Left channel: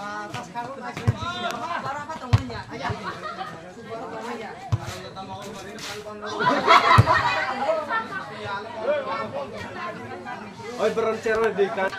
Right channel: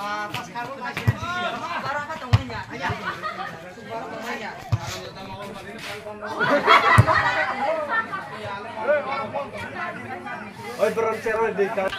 Oi beroncer di kan.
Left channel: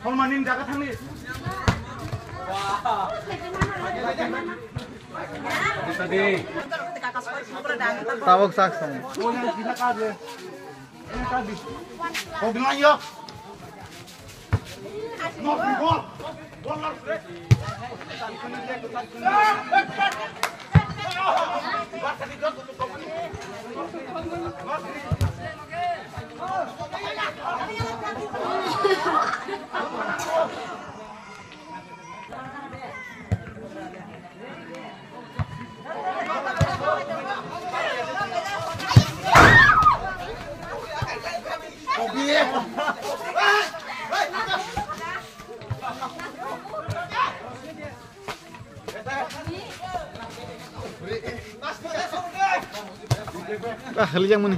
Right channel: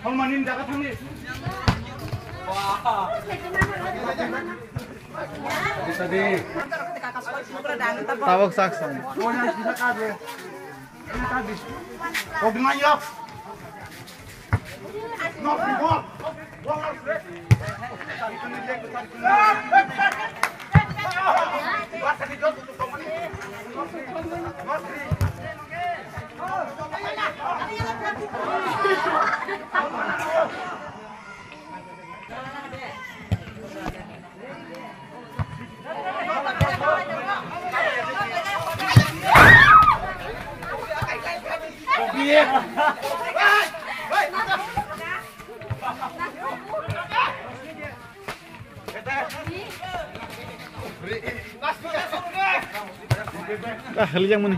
Kalau manin jaga tangni. Wah. Tadi. Tawak saksan. Oh yang kita kade. Ini tadi. Oh gimana yuk? No. Ahli yang mana?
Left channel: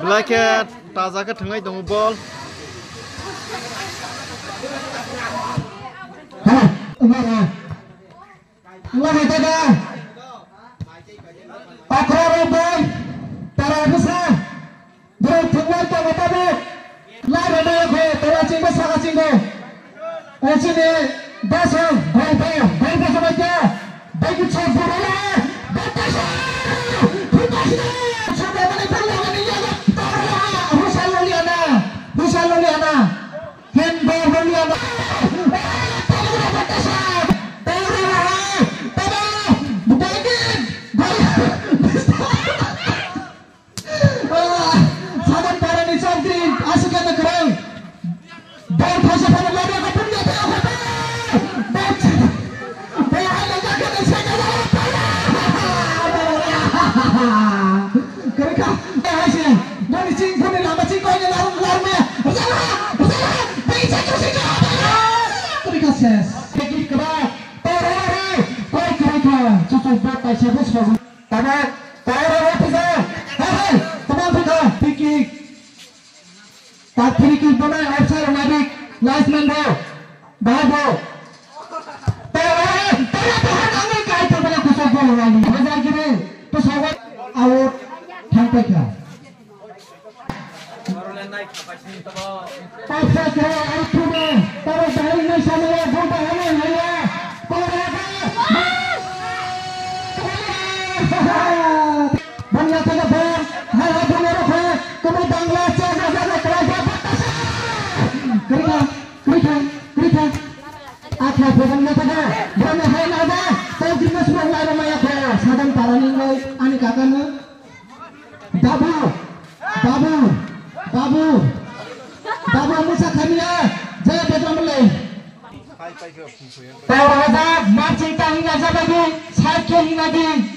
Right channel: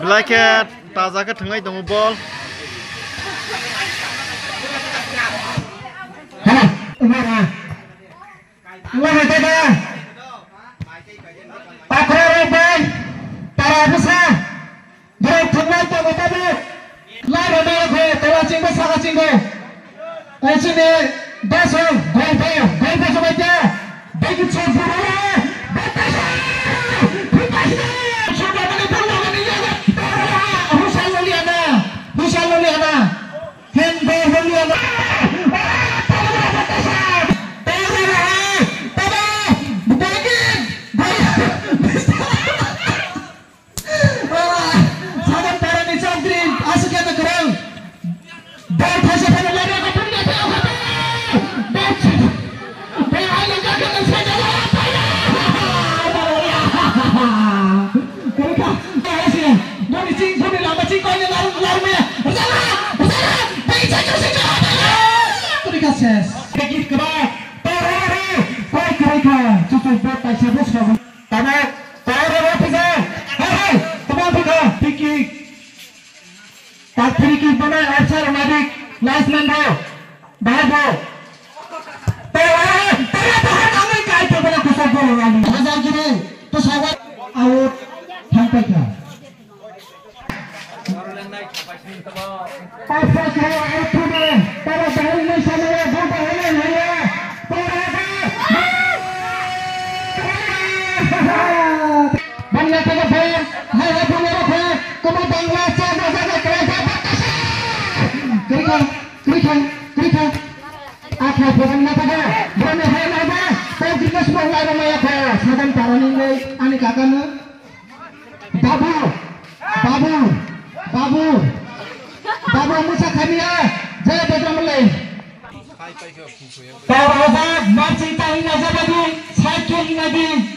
Belakang taza ke tengah itu bol. Mana tadi? Patroli para besar. Dari tengah itu betul. Lari dia telah cinggu salah cinggu. Sini dasar golpe semua dia. Bagi cemburu. Batas. Sudah menipur lagi ya. Husal liana. Hende liana. Marching tahi naza lagi, cycle lagi.